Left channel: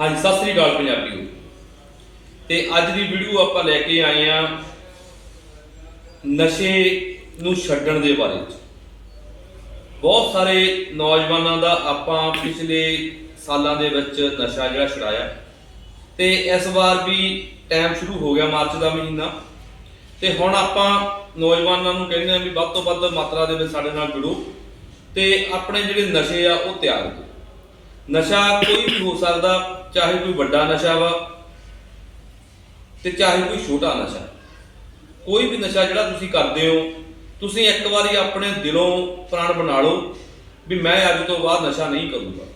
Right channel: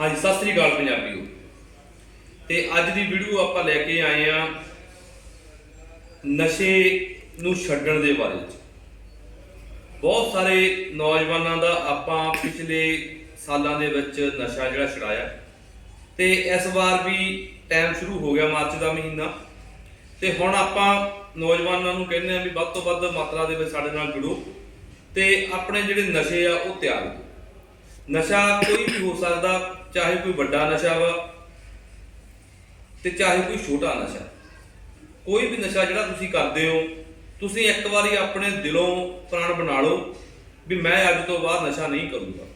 ਹਾਂਜੀ, ਸਤਿ ਸ੍ਰੀ ਅਕਾਲ ਪੰਜਾਬੀਓ। ਤੇ ਅੱਜ ਦੀ ਵੀਡੀਓ ਆਪਾਂ ਲੈ ਕੇ ਆਏ ਆ ਨਸ਼ੇ ਨੂੰ ਛੱਡਣ ਦੇ ਬਾਰੇ ਚ ਬਹੁਤ ਸਾਰੇ ਨੌਜਵਾਨਾਂ ਦਾ ਆਪਾਂ ਪਿਛਲੇ ਸਾਲਾਂ ਦੇ ਵਿੱਚ ਨਸ਼ਾ ਜਿਹੜਾ ਛੁਡਾਇਆ। ਤੇ ਇਸ ਵਾਰ ਵੀ ਟਾਈਮ ਸ਼ੁਰੂ ਹੋ ਗਿਆ ਮਾਰਚ ਦਾ ਮਹੀਨਾ। ਤੇ ਹੁਣ ਆਪਾਂ ਨੌਜਵਾਨਾਂ ਨੂੰ ਕਹਿੰਦੇ ਆ ਵੀ ਵੱਧ ਤੋਂ ਵੱਧ ਮਾਤਰਾ ਦੇ ਵਿੱਚ ਸਾਡੇ ਨਾਲ ਜੁੜੋ। ਤੇ ਆਪਣੇ ਜਿਹੜੇ ਨਸ਼ੇ ਆ, ਉਹ ਤਿਆਗ ਦਿਓ ਨਸ਼ਾ ਕੋਈ ਵੀ ਹੋ ਸਕਦਾ, ਚਾਹੇ ਕੋਈ ਵੱਡਾ ਨਸ਼ਾ ਵਾ ਤੇ ਚਾਹੇ ਕੋਈ ਛੋਟਾ ਨਸ਼ਾ। ਕੋਈ ਵੀ ਨਸ਼ਾ ਜਿਹੜਾ ਤੁਸੀਂ ਕਰਦੇ ਹੋ, ਤੁਸੀਂ ਇੱਕ ਵਾਰੀ ਆਪਣੇ ਦਿਲੋਂ ਪ੍ਰਾਣ ਬਣਾ ਲਓ ਵੀ ਮੈਂ ਅੱਜ ਤੋਂ ਬਾਅਦ ਨਸ਼ਾ ਨਹੀਂ ਕਰੂੰਗਾ।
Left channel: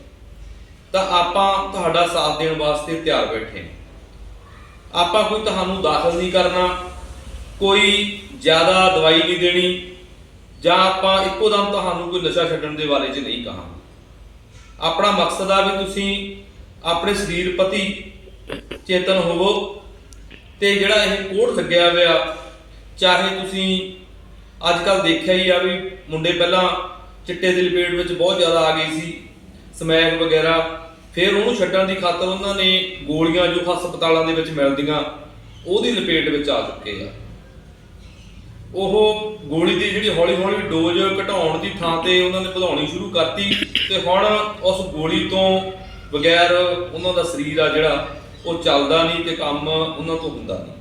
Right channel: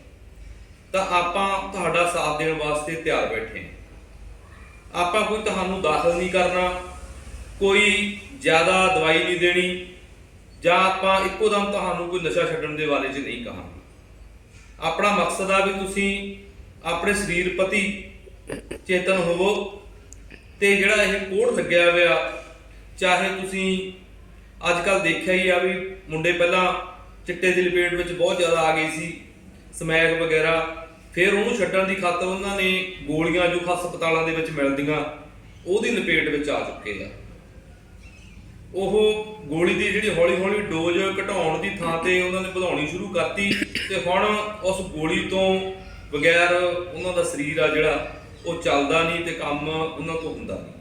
ਤਾਂ ਆਪਾਂ ਤੁਹਾਡਾ ਸਾਥ ਦੇਣ ਵਾਸਤੇ ਤਿਆਰ ਬੈਠੇ ਹਾਂ। ਆਪਾਂ ਕੋਈ ਤੁਹਾਨੂੰ ਦਾਖਲ ਨਹੀਂ ਕਰਨਾ, ਕੋਈ ਜ਼ਿਆਦਾ ਦਵਾਈ ਨਹੀਂ ਦੇਣੀ, ਜਾਂ ਆਪਾਂ ਇੱਕੋ ਦਮ ਤੁਹਾਨੂੰ ਕੋਈ ਨਸ਼ਾ ਛੱਡਣ ਦੇ ਬਾਰੇ 'ਚ ਨਹੀਂ ਕਹਾਂਗੇ। ਆਪਣਾ ਮਕਸਦ ਆ ਵੀ ਤੁਸੀਂ ਆਪਣੇ ਸਰੀਰ ਪ੍ਰਤੀ ਚੇਤਨ ਹੋਵੋ ਤੇ ਜਿਹੜਾ ਇਹ ਕੋਡ ਲੱਗਿਆ ਹੋਇਆ, ਚਾਹੇ ਤੁਸੀਂ ਅੱਜ ਕੱਲ ਦੇਖਿਆ ਹੀ ਆ ਵੀ ਮੁੰਡੇ ਪਹਿਲਾਂ ਚਿੱਟੇ ਦੀ ਲਪੇਟ ਵਿੱਚ ਬਹੁਤ ਜ਼ਿਆਦਾ ਆ ਗਏ ਸੀ ਸਮੈਕ ਵਗੈਰਾ, ਫਿਰ ਉਹਨੂੰ ਛੱਡਣ ਦੀ ਖਾਤਰ ਉਹਨਾਂ ਨੇ ਗੋਲੀਆਂ ਜੋ ਹਸਪਤਾਲਾਂ ਦੇ ਵਿੱਚ ਮਿਲਦੀਆਂ, ਉਹਦੀ ਲਪੇਟ ਵਿੱਚ ਆ ਚੁੱਕੇ ਆ। ਉਹ ਗੋਲੀ ਦੀ ਜਿਹੜੀ ਹੌਲੀ ਹੌਲੀ ਡੋਜ਼ ਘਟਾਉਣ ਦੀ ਥਾਂ ਤੇ ਉਹਨਾਂ ਨੇ ਵਧਾਉਣੀ ਸ਼ੁਰੂ ਕਰਤੀ ਤੇ ਹੁਣ ਉਸ ਗੋਲੀ ਤੋਂ ਬਗੈਰ ਉਹਨਾਂ ਦਾ ਸਰੀਰ ਆ ਜਿਹੜਾ, ਉਹ ਚੱਲਦਾ ਨਹੀਂ ਤੇ ਕੰਮ ਉਹਨਾਂ ਤੋਂ ਹੁੰਦਾ ਨਹੀਂ।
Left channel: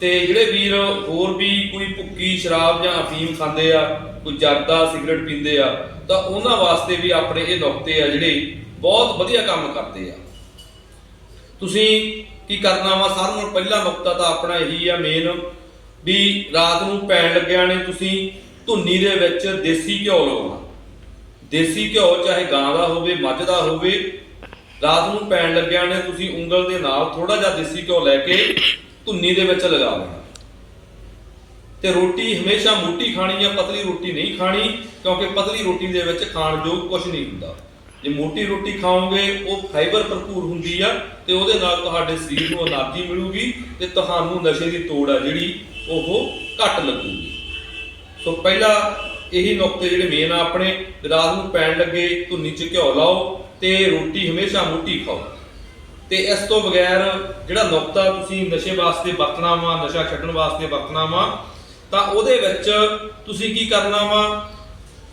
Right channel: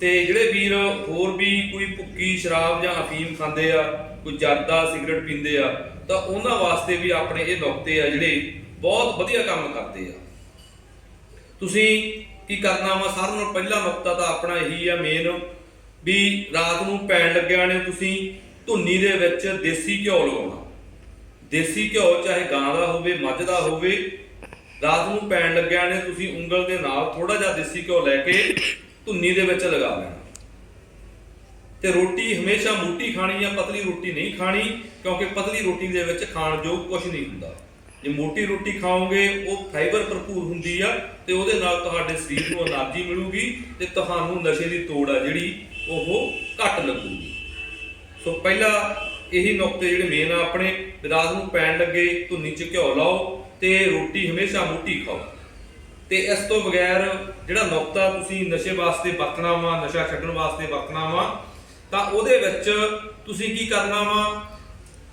ਤੇ ਜਿਹੜੇ ਵੀਰ ਹੋਰ ਵੀ ਕੋਈ ਭੁੱਕੀ ਸ਼ਰਾਬ ਜਾਂ ਅਫੀਮ ਖਾਂਦੇ ਆ, ਕੋਈ ਜਰਦਾ ਸਿਗਰਟ ਪੀਂਦੇ ਆ, ਤਾਂ ਉਹਨਾਂ ਵਾਸਤੇ ਵੀ ਆਪਣੇ ਇਹ ਨੁਕਤੇ ਆ ਜਿਹੜੇ ਬਹੁਤ ਵਧੀਆ ਕੰਮ ਕਰਦੇ ਆ। ਤੁਸੀਂ ਕੀ ਕਰਨਾ ਵਾ? ਸਾਰਿਆਂ ਨਾਲੋਂ ਪਹਿਲਾ ਨੁਕਤਾ ਤਾਂ ਆਪਣਾ ਇਹੀ ਆ ਮੇਨ ਵੀ ਰਾਤ ਨੂੰ ਪੈਣ ਲੱਗਿਆ ਨੇ ਤੁਸੀਂ ਧੁੰਨੀ ਦੇ ਵਿੱਚ ਦੇਸੀ ਘਿਓ ਲਾਉਣਾ। ਦੇਸੀ ਘਿਓ ਚਾਹੇ ਗਾਂ ਦਾ ਹੋਵੇ, ਮੱਝ ਦਾ ਹੋਵੇ, ਰਾਤ ਨੂੰ ਪੈਣ ਲੱਗਿਆ ਨੇ ਤੁਸੀਂ ਉਂਗਲ ਦੇ ਨਾਲ ਥੋੜਾ ਜਿਹਾ ਦੇਸੀ ਘਿਓ ਲੈ ਕੇ ਧੁੰਨੀ ਦੇ ਵਿੱਚ ਲਗਾ ਦੇਣਾ। ਤੇ ਰੋਟੀ ਹਮੇਸ਼ਾ ਮੋਟੀ ਖਾਣੀ ਆ ਪਤਲੀ ਰੋਟੀ ਨਹੀਂ ਖਾਣੀ, ਕਿਉਂਕਿ ਪਤਲੀ ਰੋਟੀ ਦੇ ਵਿੱਚ ਖਾਣ ਯੋਗ ਕੁਝ ਨਹੀਂ ਹੁੰਦਾ। ਜੇ ਮੋਟੀ ਰੋਟੀ ਖਾਓਗੇ, ਉਹ ਫਾਈਬਰ ਭਰਪੂਰ ਹੁੰਦੀ ਆ ਤੇ ਉਹਦੇ ਨਾਲ ਤੁਹਾਡੇ ਸਰੀਰ ਨੂੰ એનર્ਜੀ ਮਿਲੂਗੀ ਤੇ ਤੁਹਾਨੂੰ ਨਸ਼ੇ ਦੀ ਤੋੜ ਆ ਜਿਹੜੀ ਉਹ ਘੱਟ ਲੱਗੂਗੀ। ਸੋ ਪਹਿਲਾ ਇਹੀ ਨੁਕਤੇ ਜਿਹੜੇ ਮੇਨ ਆ, ਆਪਣੇ ਰਾਤ ਨੂੰ ਪੈਣ ਲੱਗੇ, ਧੁੰਨੀ ਚ ਘਿਓ ਲਾਓ ਤੇ ਰੋਟੀ ਹਮੇਸ਼ਾ ਮੋਟੀ ਖਾਓ। ਤੇ ਇਸ ਤੋਂ ਬਗੈਰ ਜਿਹੜਾ ਨੁਕਤਾ ਤੁਸੀਂ ਨਸ਼ੇ ਵਾਸਤੇ ਵਰਤਣਾ ਵਾ, ਨਸ਼ਾ ਛੱਡਣ ਵਾਸਤੇ ਵਰਤਣਾ ਵਾ, ਤਾਂ ਉਹਦੇ ਵਿੱਚ ਤੁਸੀਂ ਕੀ ਕਰਨਾ ਵਾ,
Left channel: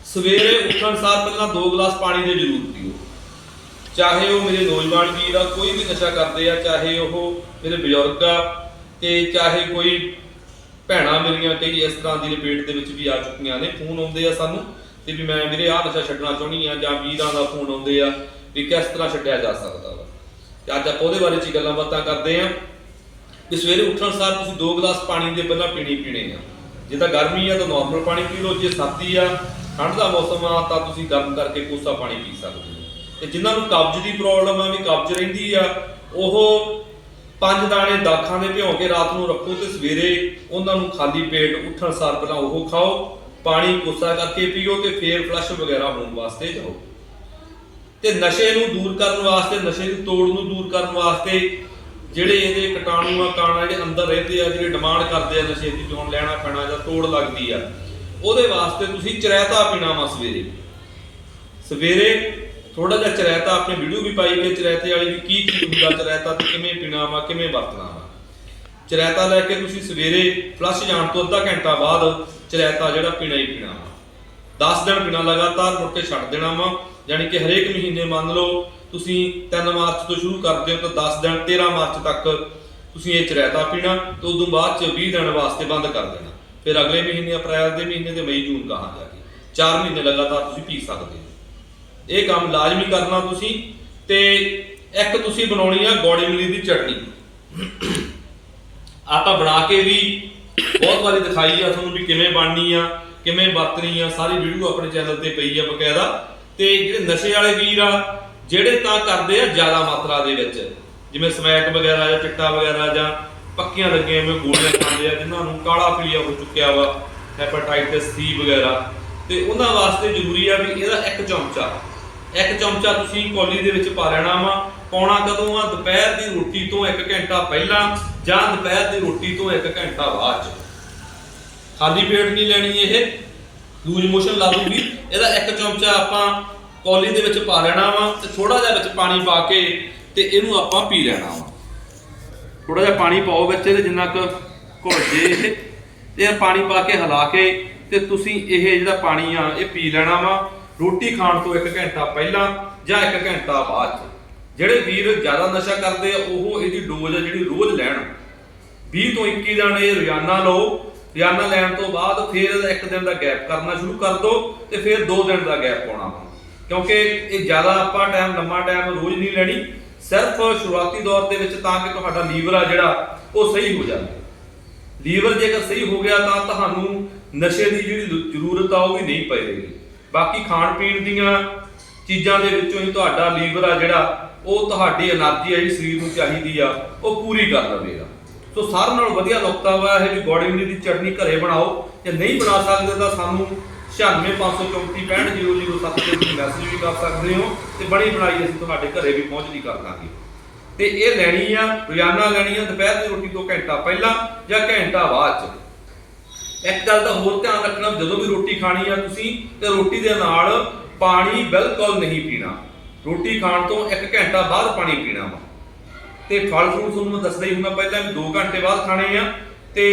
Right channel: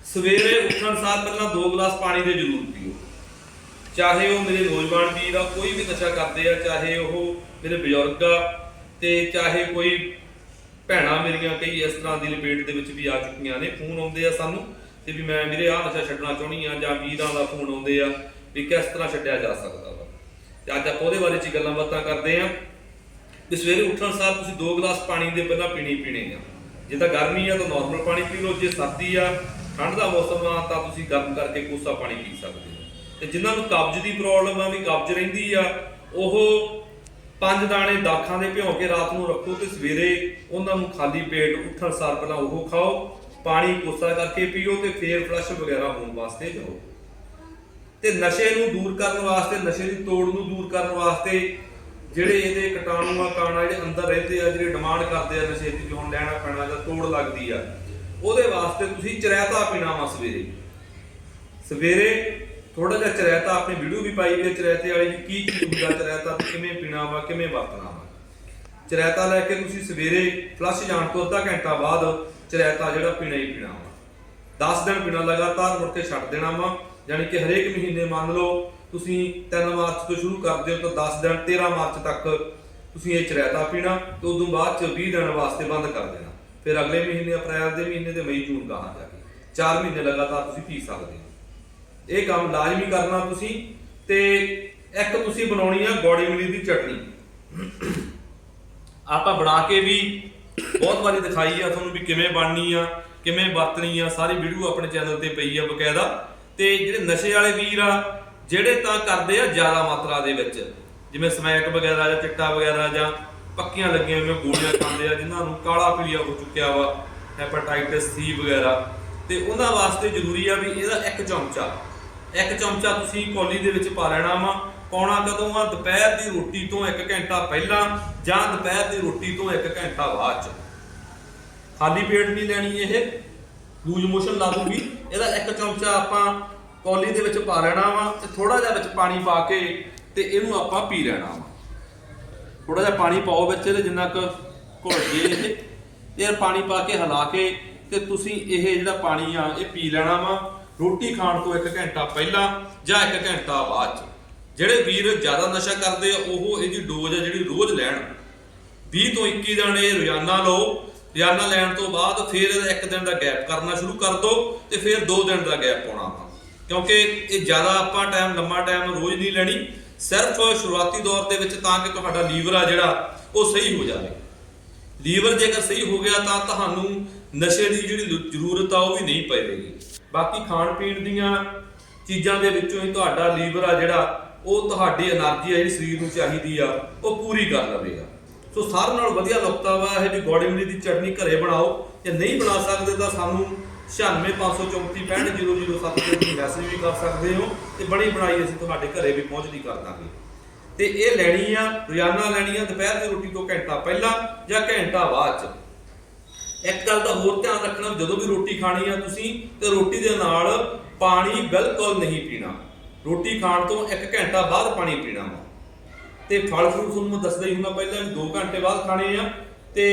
ਸਵੇਰੇ ਉੱਠਣ ਸਾਰ ਪਹਿਲਾਂ 2 ਗਲਾਸ ਪਾਣੀ ਦੇ ਜ਼ਰੂਰ ਪੀਓ। ਚਾਹੇ ਉਹ ਮੇਰੇ ਨੌਜਵਾਨ ਵੀਰ ਆ, ਕੋਈ ਵੀ ਨਸ਼ਾ ਕਰਦੇ ਆ, ਚਾਹੇ ਉਹ ਮੇਰੇ ਬਜ਼ੁਰਗ ਆ, ਤੇ ਚਾਹੇ ਕੋਈ ਭੈਣਾਂ ਮੇਰੀਆਂ ਕਈ ਇਸ ਤਰ੍ਹਾਂ ਦੀ ਲਪੇਟ ਦੇ ਵਿੱਚ ਵੀ ਆ ਚੁੱਕੀਆਂ ਨੇ, ਫੋਨ ਆਉਂਦੇ ਆ ਸਾਨੂੰ ਤੇ ਵੀ ਮੈਂ ਵੀਰੇ ਆਹ ਨਸ਼ਾ ਛੱਡਣਾ ਚਾਹੁੰਦੀ ਆ ਜਾਂ ਵੀਰਾਂ ਦਾ ਫੋਨ ਆਉਂਦੇ ਆ ਵੀ ਕਿਸ ਤਰ੍ਹਾਂ ਛੱਡਿਆ ਜਾ ਸਕਦਾ ਵਾ। ਤੇ ਅੱਜ ਆਪਾਂ ਉਹਦੇ ਬਾਰੇ ਚ ਗੱਲਾਂ ਬਾਤਾਂ ਕਰਦੇ ਆ ਵੀ ਸਵੇਰੇ ਉੱਠਣ ਸਾਰ ਤੁਸੀਂ 2 ਗਲਾਸ ਪਾਣੀ ਦੇ ਪਹਿਲਾਂ ਪੀਣੀ ਪੀਣੇ ਆ। ਜੇ ਤਾਂ ਗਰਮੀ ਆ ਤਾਂ ਨਾਰਮਲ ਪਾਣੀ ਪੀ ਲਓ, ਜੇ ਸਰਦੀ ਆ, ਠੰਡ ਦਾ ਮੌਸਮ ਆ ਤਾਂ ਤੁਸੀਂ ਗਰਮ ਕਰਕੇ ਕੋਸਾ ਪਾਣੀ ਪੀ ਸਕਦੇ ਹੋ। ਤੇ ਜਿਨ੍ਹਾਂ ਨੂੰ ਕਬਜ਼ ਦੀ ਪ੍ਰੋਬਲਮ ਆ, ਵੀ ਕਬਜ਼ ਰਹਿੰਦੀ ਆ, ਉਹ ਪੰਜ ਦਾਣੇ ਦਾਖਾਂ ਦੇ ਭਿਉਂ ਕੇ ਰਾਤ ਨੂੰ ਰੱਖੋ ਤੇ ਸਵੇਰੇ ਉਹਨਾਂ ਨੂੰ ਖਾਲੀ ਪੇਟ ਉੱਠਣ ਸਾਰ ਪਹਿਲਾਂ ਉਹ ਖਾਓ, ਪਾਣੀ ਕੋਸਾ ਕਰਕੇ ਪੀਓ ਤੇ ਫੇਰ ਫਲਸ਼ ਵਗੈਰਾ ਹੋਣ ਵਾਸਤੇ ਜਾਓ। ਤੇ ਨਸ਼ੇ ਨੂੰ ਦੂਰ ਕਰਨ ਵਾਸਤੇ, ਨਸ਼ੇ ਦੀ ਤੋੜ ਨੂੰ ਦੂਰ ਕਰਨ ਵਾਸਤੇ ਜਿਹੜੇ ਇਹਦੇ ਕੀਟਾਣੂ ਆ ਕਾਣਾ ਜਿਹੜੇ ਅੰਦਰ ਰਹਿੰਦੇ ਆ, ਜਿਹੜੇ ਡਿਮਾਂਡ ਕਰਦੇ ਆ ਨਸ਼ੇ ਦੀ ਵੀ ਲੈਣਾ ਪੈਣਾ ਜਾਂ ਤੋੜ ਲੱਗਦੀ ਆ, ਉਹਦੇ ਵਾਸਤੇ ਤੁਸੀਂ ਚਰੈਤਾ ਪੀਣਾ ਵਾ ਸਵੇਰੇ। ਸਵੇਰੇ ਥੋੜਾ ਜਿਹਾ ਚਰੈਤਾ ਆਪਣੀ ਵੀਡੀਓ ਵੀ ਪਾਈ ਕਿ ਚਰੈਤੇ ਵਾਲੀ ਵੀ ਕੀ ਕੀ ਹੁੰਦਾ, ਚਰੈਤਾ ਤੇ ਕਿਵੇਂ ਪੀਣਾ ਵਾ ਕਿਵੇਂ ਵਰਤਣਾ ਵਾ ਚਰਾਇਤਾ ਲੈ ਕੇ ਤੁਸੀਂ ਸਵੇਰੇ ਫਲਸ਼ ਜਾਣ ਤੋਂ ਅੱਧਾ ਘੰਟਾ ਬਾਅਦ ਚਰੈਤਾ ਜਿਹੜਾ ਪੀਣਾ ਹੀ ਪੀਣਾ ਵਾ 10 ਦਿਨ ਪੀਣਾ ਲਗਾਤਾਰ, ਮੁੜ ਕੇ ਛੱਡ ਦੇਣਾ ਵਾ ਯਾਨੀ ਕਿ ਹਰੇਕ ਮਹੀਨੇ ਮੰਨ ਲਓ ਤੁਸੀਂ 3 ਮਾਰਚ ਤੋਂ ਸ਼ੁਰੂ ਕਰਦੇ ਹੋ ਤਾਂ 10 ਦਿਨ 13 ਮਾਰਚ ਤੱਕ ਤੁਸੀਂ ਇਹ ਚਰੈਤਾ ਪੀਣਾ, ਤੇ ਉਦੋਂ ਬਾਅਦ ਚ 20 ਦਿਨ ਵਾਸਤੇ ਬੰਦ ਕਰ ਦੇਣਾ। ਫਿਰ ਅਗਲੇ ਮਹੀਨੇ, ਅਪ੍ਰੈਲ ਦੇ ਮਹੀਨੇ ਤੇ ਮਈ, ਜੂਨ ਕਹਾ ਜਾ ਕੇ 4 ਮਹੀਨੇ ਲਗਾਤਾਰ ਤੁਸੀਂ ਪੀ ਸਕਦੇ ਹੋ। ਇਹ ਕੰਮ ਲਾਜ਼ਮੀ ਕਰਨਾ ਤੁਸੀਂ ਤੇ ਇੱਕ ਤੁਸੀਂ ਬਣਾਉਣੀ ਆ ਗੋੜੀ ਮਿਲੀ ਦੀ ਚਟਨੀ। ਆਪਾਂ ਬਣਾ ਕੇ ਵੀ ਬਹੁਤ ਵਾਰੀ ਦਿਖਾਈ ਆ ਤੁਹਾਨੂੰ ਵੀ ਕਿਵੇਂ ਬਣਨੀ ਆ, ਕਿਵੇਂ ਵਰਤਣੀ ਆ, ਸਾਰੀ ਵੀਡੀਓ ਆਪਣੇ ਚੈਨਲ ਤੇ ਪਈ ਆ ਬਕਾਇਦਾ। ਤੇ ਜਿਹੜੇ ਨਸ਼ੇ ਵਾਲੇ ਵੀਰ ਆ, ਜਿਹੜੇ ਤਾਂ ਕਰਦੇ ਆ ਜ਼ਿਆਦਾ ਮਾਤਰਾ ਦੇ ਵਿੱਚ, ਜਿਵੇਂ ਸਮੈਕ ਵਗੈਰਾ ਜਾਂ ਚਿੱਟਾ ਵਗੈਰਾ ਜਾਂ ਪੱਕੀਆਂ ਲੱਗੀਆਂ ਜਿਵੇਂ ਗੋਲੀਆਂ ਖਾਂਦੇ ਆ, ਜਿਨ੍ਹਾਂ ਨੂੰ ਕਾਲਾ ਪੀਲੀਆ ਹੋ ਚੁੱਕਿਆ ਵਾ ਹੈਪਾਟਾਈਟਿਸ ਸੀ ਵਗੈਰਾ। ਤੇ ਉਹਨਾਂ ਵਾਸਤੇ ਜ਼ਰੂਰੀ ਆ ਵੀ ਇਹਦਾ ਇੱਕ ਚਮਚਾ ਇੱਕ ਚਮਚਾ ਤੁਸੀਂ ਕੌਲੀ ਦੇ ਵਿੱਚ ਪਾ ਲੈਣਾ ਵਾ। ਪਾਉਣਾ ਕਦੋਂ ਆ? ਦੁਪਹਿਰ ਦੀ ਰੋਟੀ ਤੋਂ 1 ਘੰਟਾ ਪਹਿਲਾਂ ਜਾਂ ਦੁਪਹਿਰ ਦੀ ਰੋਟੀ ਤੋਂ 1 ਘੰਟਾ ਬਾਅਦ ਚ। ਖਾਲੀ ਪੇਟ ਨਹੀਂ ਲੈਣੀ ਇਹ। ਲੂਜ ਮੋਸ਼ਨ ਲਾ ਦੂਗੀ। ਇਹਦਾ ਇੱਕ ਚਮਚਾ ਆਪਾਂ ਕੌਲੀ ਦੇ ਵਿੱਚ ਪਾ ਲੈਣਾ ਵਾ ਤੇ ਥੋੜਾ ਜਿਹਾ ਵਿੱਚ ਪਾਣੀ ਪਾ ਕੇ ਤੇ ਇਹਨੂੰ ਆਪਾਂ ਪੀ ਲੈਣਾ ਵਾ। ਥੋੜਾ ਜਿਹਾ ਪਾਣੀ ਪਾਓ ਵਿੱਚ ਇਹਦੇ ਜਿੰਨਾ ਕੁ ਘੁਲ ਜੇ ਇਹ। ਤੇ ਪਾਣੀ ਪਾ ਕੇ ਹਿਲਾ ਕੇ ਤੇ ਤੁਸੀਂ ਇਹ ਜਿਹੜਾ ਪਾਣੀ ਆ, ਇਹ ਪੀ ਲੈਣਾ ਵਾ। ਰੋਟੀ ਖਾਣ ਤੋਂ 1 ਘੰਟਾ ਪਹਿਲਾਂ ਜਾਂ 1 ਘੰਟਾ ਬਾਅਦ 'ਚ। ਜਿਹੜੇ ਵੀਰ ਜ਼ਿਆਦਾ ਨਸ਼ਾ ਕਰਦੇ ਆ, ਉਹ ਇਹਦੀ ਡੋਜ਼ ਆ ਜਿਹੜੀ ਰੋਜ਼ ਲੈਣ। 20 ਤੋਂ 21 ਦਿਨ ਇਹ ਰੋਜ਼ਾਨਾ ਲਓ, ਰੋਜ਼ਾਨਾ ਲੈਣ ਤੋਂ ਬਾਅਦ ਫਿਰ ਇਹਦਾ ਇੱਕ ਦਿਨ ਦਾ ਗੈਪ ਕਰਨਾ ਸ਼ੁਰੂ ਕਰ ਦਿਓ ਤੇ ਫਿਰ 2 ਦਿਨ ਦਾ ਗੈਪ ਪਾਉਣਾ ਕਿਉਂਕਿ ਇਹ ਜ਼ਿਆਦਾ ਆਪਾਂ ਟਾਈਮ ਲੰਮਾ ਟਾਈਮ ਰੋਜ਼ ਨਹੀਂ ਲੈਣੀ। ਸਿਰਫ ਸ਼ੁਰੂਆਤੀ ਦੌਰ ਦੇ ਵਿੱਚ ਤਾਂ ਕਿ ਤੁਹਾਡਾ ਲੀਵਰ ਆ ਜਿਹੜਾ, ਉਹ ਸਹੀ ਹੋ ਜਾਵੇ। ਲੀਵਰ ਜੇਕਰ ਸਹੀ ਹੋ ਗਿਆ ਤਾਂ ਤੁਹਾਨੂੰ ਨਸ਼ੇ ਦੀ ਜਿਹੜੀ ਜ਼ਰੂਰਤ ਆ, ਉਹ ਵੀ ਨਹੀਂ ਪਏਗੀ। ਬਾਕੀ ਖਾਣ ਪੀਣ ਦੀਆਂ ਚੀਜ਼ਾਂ ਦੇ ਵਿੱਚੋਂ ਹੀ ਤੁਹਾਡਾ ਲੀਵਰ ਆ ਜਿਹੜਾ, ਉਹ ਤੁਹਾਡੀ એનર્ਜੀ ਆ ਜਿਹੜੀ ਸਰੀਰ ਨੂੰ ਚਾਹੀਦੀ ਆ, ਉਹ ਪੂਰੀ ਕਰ ਦੇਵੇਗਾ ਸੋ ਸਾਰਿਆਂ ਨਾਲੋਂ ਵਧੀਆ ਨੁਕਤਾ ਹੋਇਆ ਹੈ ਵੀ ਗੋੜੀ ਮਿਲੀ ਦੀ ਚਟਨੀ ਘਰੇ ਬਣਾਓ। ਜੇ ਨਹੀਂ ਬਣਾ ਸਕਦੇ ਤਾਂ ਸਾਨੂੰ 965346007 ਤੇ ਤੁਸੀਂ ਮੈਸੇਜ ਵੀ ਕਰ ਸਕਦੇ ਹੋ ਤੇ ਬੜੀ ਬਣਾਈ ਅਸੀਂ ਤੁਹਾਡੇ ਘਰੇ ਵੀ ਪਹੁੰਚ ਨਹੀਂ ਕਰ ਦਾਂਗੇ। ਤੇ ਇਹ ਲੈਣੀ ਆ, ਰੋਜ਼ਾਨਾ ਲੈਣੀ ਆ, ਦੁਪਹਿਰ ਦੀ ਰੋਟੀ ਤੋਂ ਘੰਟਾ ਪਹਿਲਾਂ ਜਾਂ ਘੰਟਾ ਬਾਅਦ ਚ। ਇੱਕ ਗੱਲ ਦਾ ਹੋਰ ਧਿਆਨ ਰੱਖਣਾ ਜਦੋਂ ਵੀ ਰੋਟੀ ਖਾਣੀ ਆ, ਤੁਸੀਂ ਤੇ ਰੋਟੀ ਦੇ ਨਾਲ ਪਾਣੀ ਬਿਲਕੁਲ ਨਹੀਂ ਪੀਣਾ। ਰੋਟੀ ਖਾਣ ਤੋਂ 1 ਘੰਟਾ ਬਾਅਦ ਪਾਣੀ ਪੀਣਾ ਵਾ। ਤੇ ਫਲ ਫਰੂਟ ਤੁਹਾਨੂੰ ਮੈਂ ਦੱਸਦਾ ਹੀ ਹੁੰਦਾ ਪਹਿਲਾਂ ਵੀ 2 ਘੰਟੇ ਬਾਅਦ ਖਾਣੇ ਆ। ਤੇ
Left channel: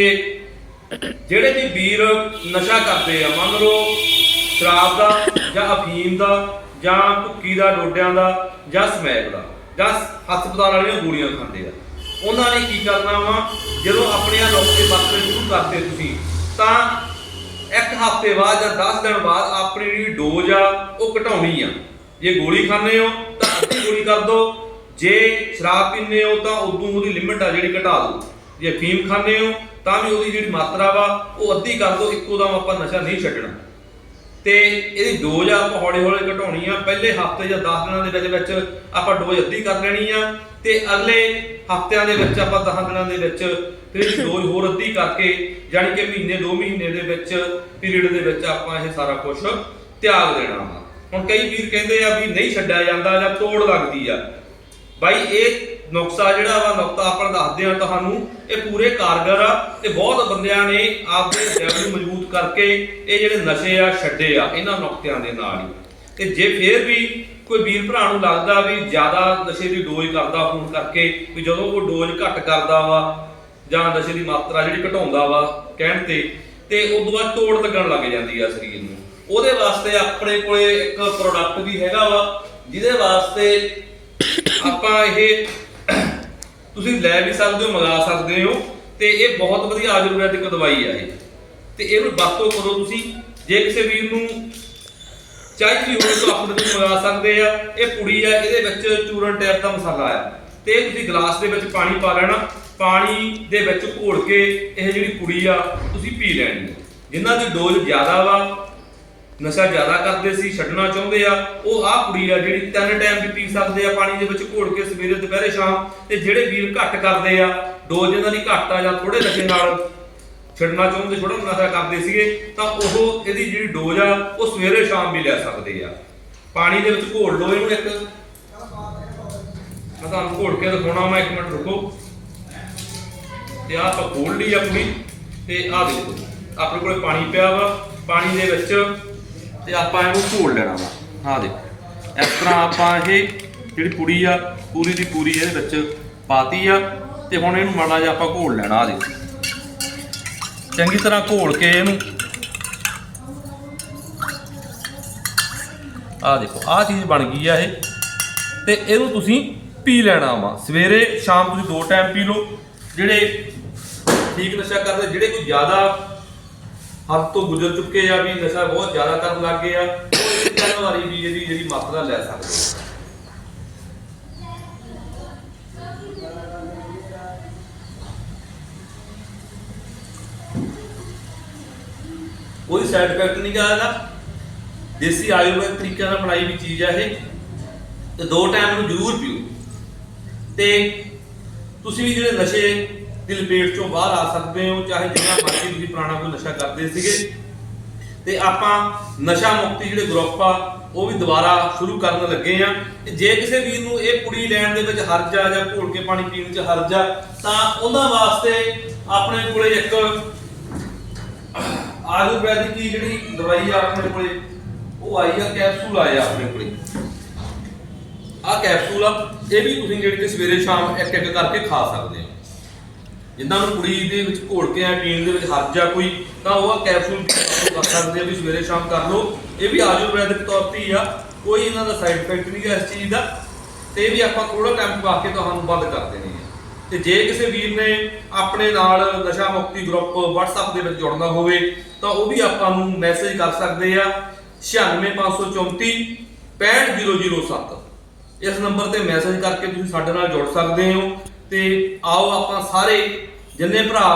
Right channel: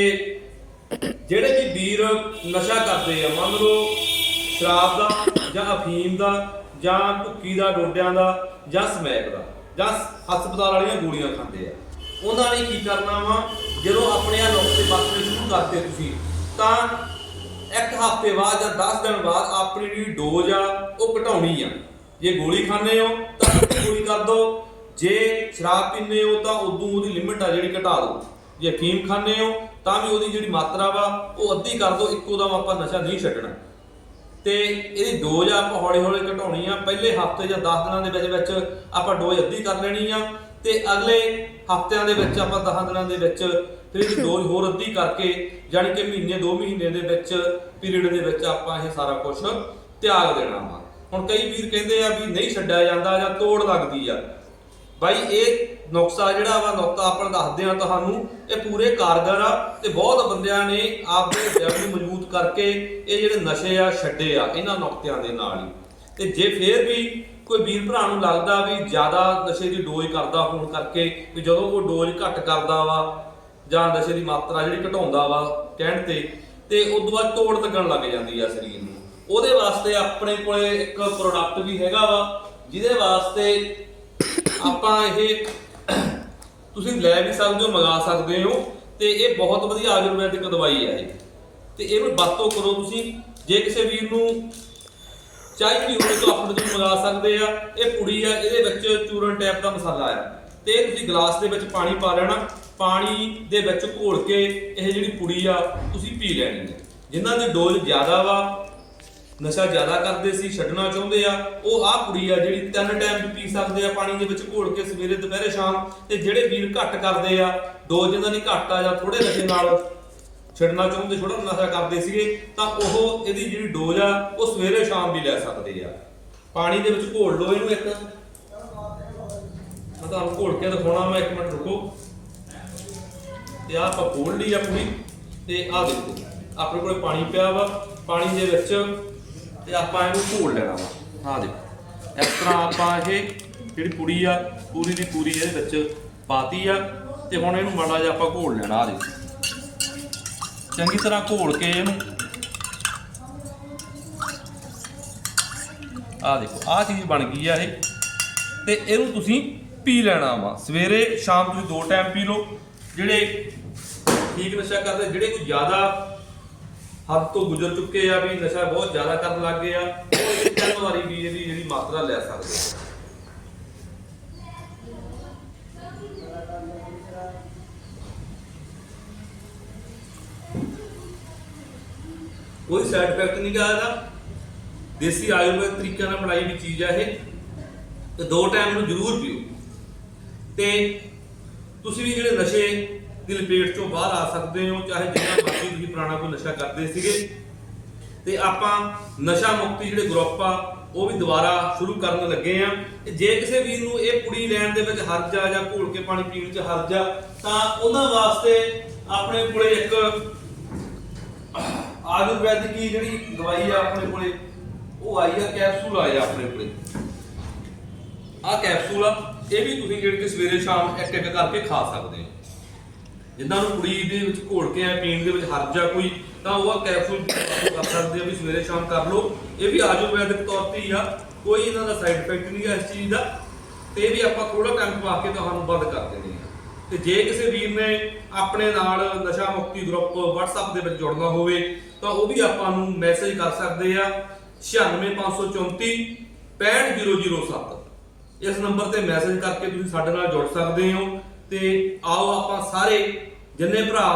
ਜਿਹੜੇ ਵੀ ਵੀਰ ਨਸ਼ਾ ਕਰਦੇ ਆ, ਮੰਨ ਲਓ ਸ਼ਰਾਬ ਦਾ ਜਾਂ ਅਫੀਮ ਦਾ ਜਾਂ ਭੁੱਕੀ ਦਾ, ਡੋਡਿਆਂ ਦਾ ਜਾਂ ਸਮੈਕ ਦਾ ਜਾਂ ਹਸਪਤਾਲ ਵਾਲੀਆਂ ਗੋਲੀਆਂ ਖਾਂਦੇ ਆ, ਉਹਨਾਂ ਨੇ ਕੀ ਕਰਨਾ ਵਾ? ਜਦੋਂ ਆਪਣੇ ਆ ਨੁਕਸੇ ਵਰਤਣੇ ਸ਼ੁਰੂ ਕਰਦੇ ਤੁਸੀਂ ਤਾਂ ਇੱਕ ਹਫ਼ਤੇ ਬਾਅਦ ਜਾਂ 10 ਦਿਨ ਬਾਅਦ ਆਪਣੀ ਜਿਹੜੀ ਡੋਜ਼ ਆ, ਉਹ ਘਟਾਉਣੀ ਆ। ਜੇ ਗੋਲੀ ਖਾਂਦੇ ਹੋ, ਤਾਂ ਗੋਲੀ ਕਰ ਦਿਓ। ਜੇ ਸ਼ਰਾਬ ਪੀਂਦੇ ਹੋ, ਤਾਂ ਉਦੋਂ ਉਹਦੀ ਲਿਮਿਟ ਆ ਜਿਹੜੀ ਘਟਾ ਦਿਓ। ਜੇ ਫੀਮ ਖਾਂਦੇ ਹੋ, ਤਾਂ ਵੀ ਉਹਦੀ ਜਿਹੜੀ ਮਾਤਰਾ ਵਾ, ਉਹ ਅੱਧੀ ਕਰ ਦਿਓ, ਇੱਕੋ ਦਮ ਆਪਾਂ ਨਸ਼ਾ ਨਹੀਂ ਛੱਡਣਾ। ਤੇ ਇਹਦੀ ਡੋਜ਼ ਆਪਾਂ ਹੌਲੀ ਹੌਲੀ ਘਟਾਉਣੀ ਆ। ਪਹਿਲੇ ਹਫ਼ਤੇ ਜਾਂ 10 ਦਿਨਾਂ ਦੇ ਵਿੱਚ ਵਿੱਚ ਆਪਾਂ ਡੋਜ਼ ਅੱਧੀ ਕਰ ਲੈਣੀ ਆ। ਤੇ ਅਗਲੇ ਹਫਤਿਆਂ ਦੇ ਵਿੱਚ ਆਪਾਂ 10 ਦਿਨਾਂ ਦੇ ਵਿੱਚ ਫਿਰ ਡੋਜ਼ ਹੋਰ ਅੱਧੀ ਕਰਕੇ ਯਾਨੀ ਕਿ ਮਹੀਨੇ 2 ਮਹੀਨੇ ਦੇ ਵਿੱਚ ਪੀਰੀਅਡ ਦੇ ਵਿੱਚ ਆਪਾਂ ਇਹ ਸਾਰਾ ਕੁਝ ਤਿਆਗ ਦੇਣਾ ਵਾ। ਹੁਣ ਕਈ ਵੀਰ ਕਹਿੰਦੇ ਆ ਵੀ ਨਹੀਂ ਛੱਡਿਆ ਜਾਂਦਾ ਜਾਂ ਤੋੜ ਲੱਗਦੀ ਆ। ਬਾਈ, ਇਹ ਨੁਕਸਾ ਜਿਹੜਾ ਵਾ, ਨੁਕਤਾ ਆਪਾਂ ਦੱਸਦੇ ਆ ਤੁਹਾਨੂੰ, ਇਹ ਪੂਰੇ ਕਾਰਗਰ ਆ। ਤੇ ਬਹੁਤ ਬੰਦਿਆਂ ਨੇ ਆਪਦੇ ਦਿਲ ਨੂੰ ਮਜ਼ਬੂਤ ਕਰਕੇ ਇਹ ਜਿਹੜੇ ਨਸ਼ੇ ਆ, ਛੱਡੇ ਆ, ਇਹਨਾਂ ਨੁਕਤਿਆਂ ਦੇ ਨਾਲ ਹੀ। ਤੇ ਜੇ ਫੇਰ ਵੀ ਕੋਈ ਵੀਰ ਭਰਾ ਨੂੰ ਲੱਗਦਾ ਵੀ ਜ਼ਿਆਦਾ ਨਸ਼ੇ ਦੀ ਡੋਜ਼ ਕਰਦਾ ਹੋਣ ਕਰਕੇ ਵੀ ਜਦੋਂ ਉਹ ਡੋਜ਼ ਘੱਟ ਕਰਦਾ ਵਾ ਜਾਂ ਨਸ਼ੇ ਦੀ ਮਾਤਰਾ ਜਿਹੜੀ ਘਟਾਉਂਦਾ ਵਾ ਕਹਿਣ ਤੇ ਤੇ ਉਦੋਂ ਬਾਅਦ ਤੋੜ ਲੱਗਣ ਲੱਗ ਜਾਂਦੀ ਆ ਸਰੀਰ ਨੂੰ। ਉਹਦੇ ਵਾਸਤੇ ਆਪਣੇ ਕੋਲੇ ਇੱਕ ਪ੍ਰੋਡਕਟ ਵੀ ਹੈਗਾ ਵਾ, ਜਿਹਦੇ ਵਾਸਤੇ ਆਪਾਂ ਇਹ ਤੁਸੀਂ ਲੈ ਵੀ ਸਕਦੇ ਹੋ, ਮੰਗਾ ਸਕਦੇ ਹੋ, ਤੇ ਇਹ ਬਹੁਤ ਵਧੀਆ ਆਯੁਰਵੈਦਿਕ ਦਵਾਈ ਹੈ ਇਹ। ਤੇ ਇਹਨੂੰ ਵਰਤੋਂ ਕਰੋ ਤੁਸੀਂ। ਜੇ ਕਿਸੇ ਵੀਰ ਨੂੰ ਚਾਹੀਦੀ ਹੋਵੇ ਤਾਂ ਆਪਣੇ ਤੋਂ ਮੰਗਾ ਸਕਦੇ ਆ, ਇਹ ਪੁੜੀ ਆ, ਇਹਦੇ ਵਿੱਚ ਚੂਰਨ ਟੈਪ ਦਾ ਮਸਾਲਾ ਆ। ਤੇ ਤੁਸੀਂ ਗਲਾਸ ਦੇ ਵਿੱਚ ਪਾਣੀ ਪਾ ਲੈਣਾ, ਪਾਣੀ ਦੇ ਵਿੱਚ ਘੋਲ ਕੇ ਇਹ ਜਿਹੜੀ ਪੁੜੀ ਆ, ਤੁਸੀਂ ਪੀ ਲੈਣੀ ਜਿਨ੍ਹਾਂ ਦੀ ਡੋਜ਼ ਜ਼ਿਆਦਾ ਵਾ, ਨਸ਼ਾ ਜ਼ਿਆਦਾ ਕਰਦੇ ਸੀ, ਛੱਡਣਾ ਚਾਹੁੰਦੇ ਆ, ਉਹ ਆਹ ਕੁੜੀ ਆ ਜਿਹੜੀ ਤਿੰਨ ਟਾਈਮ ਵੀ ਪੀ ਸਕਦੇ ਆ, ਪਾਣੀ ਦੇ ਵਿੱਚ ਘੋਲ ਕੇ ਸਵੇਰੇ ਦੁਪਹਿਰੇ ਸ਼ਾਮ, ਤੇ ਜਿਹੜੇ ਵੀਰ ਘੱਟ ਕਰਦੇ ਆ, ਡੋਜ਼ ਇਹਨਾਂ ਦੀ ਘੱਟ ਆ ਜਾਂ ਥੋੜੇ ਨਸ਼ੇ ਨਾਲ ਛੱਡਣਾ ਚਾਹੁੰਦੇ ਥੋੜਾ ਨਸ਼ਾ ਕਰਦੇ ਸੀਗੇ, ਤਾਂ ਉਹ ਇਹਦੀ ਜਿਹੜੀ ਡੋਜ਼ ਆ, ਉਹ ਸਵੇਰੇ ਸ਼ਾਮ ਵੀ ਲੈ ਸਕਦੇ ਆ। ਪਾਣੀ ਦੇ ਵਿੱਚ ਘੋਲ ਲਓ ਇਹਨੂੰ ਇੱਕ। ਆ ਤੁਹਾਨੂੰ ਘੋਲ ਕੇ ਦਿਖਾਉਣਾ, ਮੈਂ ਇੱਕ ਮਿੰਟ ਰੁਕੋ। ਤੇ ਆਹ ਆਪਾਂ ਖੋਲ ਲਈ ਆਪਣੀ, ਤੇ ਆਹ ਦੇਖੋ, ਆਪਣੇ ਕੋਲ ਪਾਣੀ ਪਿਆ ਵਾ, ਪਾਣੀ ਦੇ ਵਿੱਚ, ਤੇ ਆਪਾਂ ਇਹਨੂੰ ਘੋਲ ਲੈਣਾ ਵਾ। ਆਹ ਦੇਖੋ, ਇਸ ਤਰ੍ਹਾਂ ਆਪਾਂ ਇਹ ਜਿਹੜੀ ਪੁੜੀ ਆ, ਪੂਰੀ ਦੀ ਪੂਰੀ ਇਹਦੇ ਵਿੱਚ ਪਾਤੀ ਆ, ਤੇ ਹੁਣ ਇਹਨੂੰ ਮਾੜਾ ਜਿਹਾ ਆਪਾਂ ਘੋਲ ਲੈਣਾ ਆ ਦੇਖੋ। ਚੰਗੀ ਤਰ੍ਹਾਂ ਘੋਲ ਕੇ ਇਹਨੂੰ। ਆਹ ਦੇਖੋ, ਆਹ ਚੀਜ਼ ਬਣ ਗਈ ਆ ਇਹ। ਤੇ ਇਹਨੂੰ ਤੁਸੀਂ ਪੀ ਲੈਣਾ ਵਾ। ਸਵੇਰੇ, ਸ਼ਾਮ ਤੁਸੀਂ ਦੋ ਟਾਈਮ ਪੀ ਲਓ। ਜਿਹੜੇ ਠੀਕ ਨਸ਼ਾ ਕਰਦੇ, ਜਿਹੜੇ ਕੋਈ ਜ਼ਿਆਦਾ ਹੱਥ ਤੋਂ ਗੁਜ਼ਰ ਚੁੱਕੇ ਆ ਵੀ ਨਸ਼ਾ ਬਹੁਤ ਜ਼ਿਆਦਾ ਕਰਨ ਲੱਗ ਗਏ ਆ, ਉਹ ਇੱਕ ਵਾਰੀ ਵੀ ਇਹਦੀ ਜਿਹੜੀ ਮਾਤਰਾ ਲੈ ਸਕਦੇ ਕੋਈ ਸਾਈਡ ਇਫੈਕਟ ਨਹੀਂ ਗਾ ਇਹਦਾ। ਦੇਸੀ ਆਯੁਰਵੈਦਿਕ ਤਰੀਕੇ ਨਾਲ ਬਣਾਈ ਵੀ ਚੀਜ਼ ਆ ਇਹ। ਤੇ ਦੋ ਟਾਈਮ ਨੂੰ ਜ਼ਰੂਰ ਪੀਓ। ਤੇ ਤੁਸੀਂ ਵੀ ਜਿਹੜੇ ਨਸ਼ੇ ਦੀ ਲਪੇਟ ਚੋਂ ਬਾਹਰ ਆ ਸਕਦੇ ਹੋ, ਚਾਹੇ ਜਿੰਨਾ ਮਰਜ਼ੀ ਤੁਸੀਂ ਪੁਰਾਣਾ ਕੋਈ ਨਸ਼ਾ ਕਰਦੇ ਸੀਗੇ। ਤੇ ਆਪਾਂ ਨਸ਼ਾ ਮੁਕਤੀ ਜਿਹੜੇ ਗਰੁੱਪ ਆ, ਉਹ ਵੀ ਦੁਬਾਰਾ ਸ਼ੁਰੂ ਕਰਨ ਲੱਗੇ ਆ। ਤੇ ਜੇ ਕਿਸੇ ਵੀਰ ਨੂੰ ਇਹ ਪੁੜੀ ਲੈਣ ਦੇ ਵਿੱਚ ਹਰਜ ਆ ਜਾਂ ਘੋਲ ਕੇ ਪਾਣੀ ਪੀਣ ਵਿੱਚ ਹਰਜ ਆ, ਤਾਂ ਉਹਨਾਂ ਵਾਸਤੇ ਆਪਣੇ ਕੋਲੇ ਇੱਕ ਆਯੁਰਵੈਦਿਕ ਦੀ ਜਿਹੜੀ ਦਵਾਈ ਆ ਆਪਣੇ ਕੋਲੇ, ਉਹ ਆਈ ਆ, ਕੈਪਸੂਲ ਆਏ ਆ ਆਪਣੇ ਕੋਲੇ। ਆ ਕੈਪਸੂਲ ਆ, ਇਹ ਵੀ ਤੁਸੀਂ ਜਿਹੜੀ ਕਿ ਸਵੇਰੇ ਸ਼ਾਮ ਇੱਕ ਇੱਕ ਕਰਕੇ ਖਾ ਸਕਦੇ ਹੋ। ਜਿੱਦਾਂ ਨੂੰ ਕੁੜੀ ਦੇ ਵਿੱਚ ਘੋਲ ਕੇ ਆ ਪੀਣ ਦੇ ਵਿੱਚ ਹੱਜ ਆ ਕੋਈ, ਤਾਂ ਉਹ ਕੈਪਸੂਲ ਕਰ ਸਕਦੇ ਆ, ਵੀ ਸਵੇਰੇ ਸ਼ਾਮ ਕਰ ਲਓ। ਇਹ ਵੀ ਆਯੁਰਵੈਦਿਕ ਤੌਰ ਤੇ ਆ, ਕੋਈ ਇਹਨਾਂ ਦਾ ਸਾਈਡ ਇਫੈਕਟ ਨਹੀਂ ਹੈ ਇਸ ਚੀਜ਼ ਦਾ। ਤੇ ਇਹ ਵੀ ਆਪਾਂ ਥੋੜਾ ਟਾਈਮ ਪਾ ਕੇ ਤੁਹਾਨੂੰ ਬੰਦ ਕਰਦੇ ਤੇ ਜੇ ਕਿਸੇ ਵੀਰ ਨੇ ਆਪਣੇ ਨਾਲ ਨਸ਼ਾ ਮੁਕਤੀ ਗਰੁੱਪ WhatsApp ਦੇ ਵਿੱਚ ਜੁੜਨਾ ਹੋਵੇ, ਤਾਂ ਉਹ ਵੀ ਆਪਾਂ ਨੂੰ ਮੈਸੇਜ ਕਰ ਸਕਦੇ ਆ 96534 65007 ਇਸ ਨੰਬਰ ਤੇ ਮੈਸੇਜ ਕਰਕੇ ਤੁਸੀਂ ਸਾਡੇ ਨਾਲ ਜੁੜ ਸਕਦੇ ਹੋ ਤੇ ਆਓ ਆਪਾਂ ਸਾਰੇ ਜਿੰਨੇ ਭਰਾ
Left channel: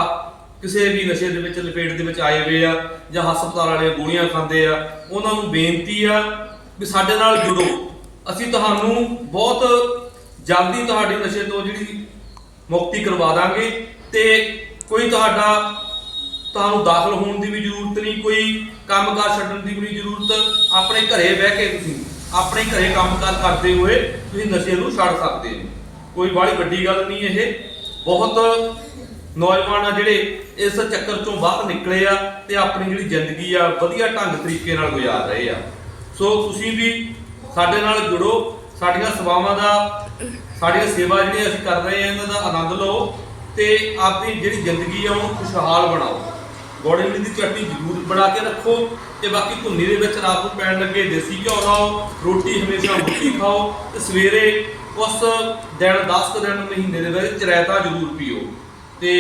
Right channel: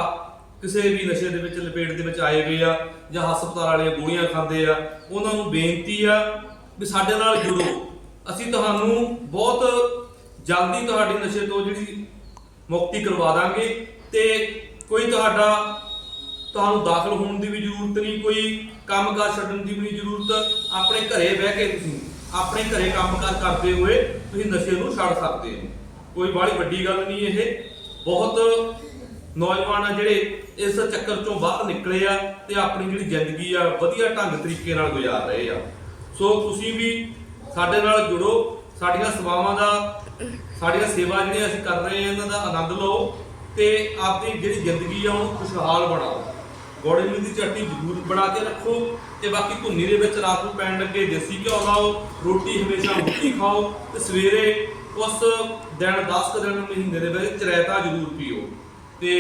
ਕਿਸੇ ਵੀ ਨਸ਼ੇ ਦੇ ਵਿੱਚ, ਲਪੇਟ ਦੇ ਵਿੱਚ ਆਏ ਹੋਏ ਆ ਜਾਂ ਹਸਪਤਾਲ ਵਾਲੇ ਗੋਲੀਆਂ ਖਾਂਦੇ ਆ, ਉਹਨਾਂ ਨੂੰ ਬੇਨਤੀ ਆ ਵੀ ਸਾਡੇ ਨਾਲ ਜੁੜੋ। ਅਸੀਂ ਤੁਹਾਨੂੰ ਬਹੁਤ ਜਲਦੀ ਤੁਹਾਡੀ ਨਸ਼ੇ ਤੋਂ ਜਿਹੜੀ ਮੁਕਤੀ ਕਰਵਾ ਦਾਂਗੇ ਤੇ ਕੋਈ ਤੁਹਾਡਾ ਤੁਹਾਨੂੰ ਦਾਖਲ ਹੋਣ ਦੀ ਵੀ ਜ਼ਰੂਰਤ ਨਹੀਂ, ਕੋਈ ਕੰਮਕਾਰ ਛੱਡਣ ਦੀ ਵੀ ਨਹੀਂ ਜ਼ਰੂਰਤ। ਆਪਣੇ ਘਰੇ ਬਹਿ ਕੇ ਤੁਸੀਂ ਆਪਣੇ ਘਰੇ ਕੰਮਕਾਰ ਕਰਦੇ ਹੋਏ ਤੁਸੀਂ ਨਸ਼ੇ ਨੂੰ ਛੱਡ ਸਕਦੇ ਹੋ। ਕੋਈ ਬੜੀ ਵੱਡੀ ਗੱਲ ਨਹੀਂ ਇਹ। ਬਹੁਤ ਨੌਜਵਾਨ ਆ ਜਿਹੜੇ ਇਸ ਚੱਕਰ ਚੋਂ ਬਾਹਰ ਨਿਕਲੇ ਆ ਤੇ ਆਪਣੀ ਜਿਹੜੀ ਜ਼ਿੰਦਗੀ ਆ ਵਧੀਆ ਢੰਗ ਤਰੀਕੇ ਨਾਲ ਗੁਜ਼ਾਰ ਰਹੇ ਆ। ਸੋ ਤੁਸੀਂ ਵੀ ਸਾਡੇ ਨਾਲ ਜੁੜੋ, ਸਾਡੀਆਂ ਸੇਵਾਵਾਂ ਦਾ ਸਾਡੀਆਂ ਸੇਵਾ ਜਿਹੜੀਆਂ ਅਸੀਂ ਕਰ ਰਹੇ ਹਾਂ, ਇਹਨਾਂ ਦਾ ਆਨੰਦ ਲਓ ਤੇ ਆਪਣੀ ਜਿਹੜੀ ਜ਼ਿੰਦਗੀ ਆ, ਉਹਨੂੰ ਖੁਸ਼ਹਾਲ ਬਣਾਓ। ਗੋੜੇ ਮਿਲੀ ਦੀ ਚਟਨੀ ਜ਼ਰੂਰ ਬਣਾ ਕੇ ਰੱਖੋ ਤੇ ਬਾਕੀ ਧੁੰਨੀ ਦੇ ਵਿੱਚ ਰਾਤ ਨੂੰ ਪੈਣ ਲੱਗੇ ਦੇਸੀ ਘਿਓ ਲਾਓ, ਰੋਟੀ ਹਮੇਸ਼ਾ ਮੁੱਠੀ ਖਾਓ ਤੇ ਸਵੇਰੇ ਉਸ ਦਿਨ 10 ਕੁ ਦਿਨ, ਮਹੀਨੇ ਦੇ ਵਿੱਚ ਚਰੈਤਾ ਜ਼ਰੂਰ ਪੀਓ। ਤੇ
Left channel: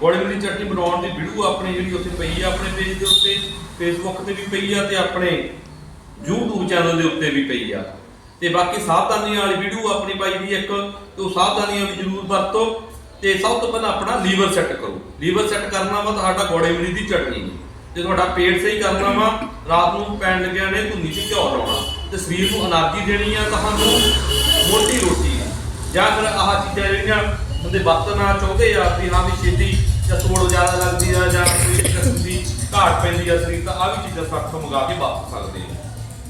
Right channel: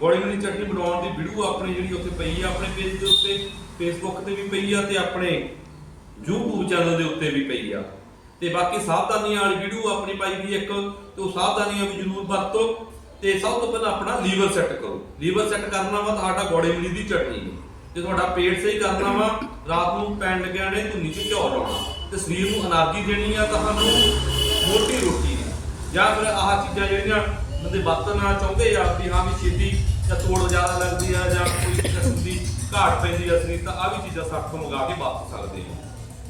ਗੋੜੇ ਮਿਲੀ ਦੀ ਚਟਨੀ ਬਣਾਉਣ ਦੀ ਵੀਡੀਓ ਆਪਣੀ ਜਿਹੜੀ ਉੱਥੇ ਪਈ ਆ, ਆਪਣੇ ਪੇਜ ਦੇ ਉੱਤੇ ਫੇਸਬੁੱਕ ਤੇ ਵੀ ਪਈ ਆ ਤੇ ਆਪਣੇ YouTube ਚੈਨਲ ਦੇ ਉੱਤੇ ਵੀ ਪਈ ਆ। ਤੇ ਬਾਕੀ ਸਾਵਧਾਨੀ ਵਾਲੀ ਵੀਡੀਓ ਆਪਣੀ ਪਾਈ ਵੀ ਇੱਕ, ਤੋਂ ਸਾਵਧਾਨੀਆਂ ਵੀ ਜ਼ਰੂਰ ਵਰਤੋ ਤੇ ਸਭ ਤੋਂ ਪਹਿਲਾਂ ਆਪਣਾ ਲੀਵਰ ਸੈੱਟ ਕਰੋ। ਲੀਵਰ ਸੈੱਟ ਕਰਨਾ ਵਾ ਤੁਹਾਡਾ ਗੋੜੇ ਉਲੀ ਦੀ ਚਟਨੀ। ਤੇ ਤੁਹਾਡਾ ਪੇਟ ਸਹੀ ਕਰਨਾ ਵਾ, ਰਾਤ ਨੂੰ ਪੈਣ ਲੱਗਿਆ ਨੇ ਧੁੰਨੀ ਚ ਘਿਓ ਲਾਉਣਾ ਤੇ ਸਰੀਰ ਨੂੰ એનર્ਜੀ ਦੇਣੀ ਆ ਤੁਹਾਨੂੰ ਮੋਟੀ ਰੋਟੀ। ਜਾਂ ਫਿਰ ਆਹ ਚੀਜ਼ਾਂ ਜਿਹੜੀਆਂ ਬੰਦੇ ਵਰਤਣਾ ਚਾਹੁੰਦੇ ਆ ਵੀ ਹਾਂ ਵੀ ਛੇਤੀ ਜਾਂ ਤੋੜ ਜ਼ਿਆਦਾ ਲੱਗਦੀ ਆ ਜਾਂ ਕੋਈ ਕਿਸਮ ਘਾਟ ਪੈਂਦੀ ਆ ਸਰੀਰ, ਤਾਂ ਆ ਵੀ ਚੀਜ਼ਾਂ ਸਾਥੋਂ ਮੰਗਾ ਕੇ ਵਾਪਸ ਸਕਦੇ ਹੋ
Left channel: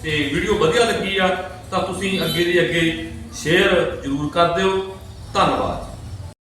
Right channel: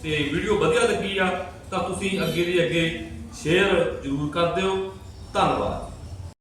ਤੇ ਵੀਡੀਓ ਵਧੀਆ ਲੱਗੀ ਆ ਤਾਂ ਤੁਸੀਂ ਅੱਗੇ ਦੀ ਅੱਗੇ ਸ਼ੇਅਰ ਜ਼ਰੂਰ ਕਰ ਦਿਓ। ਧੰਨਵਾਦ।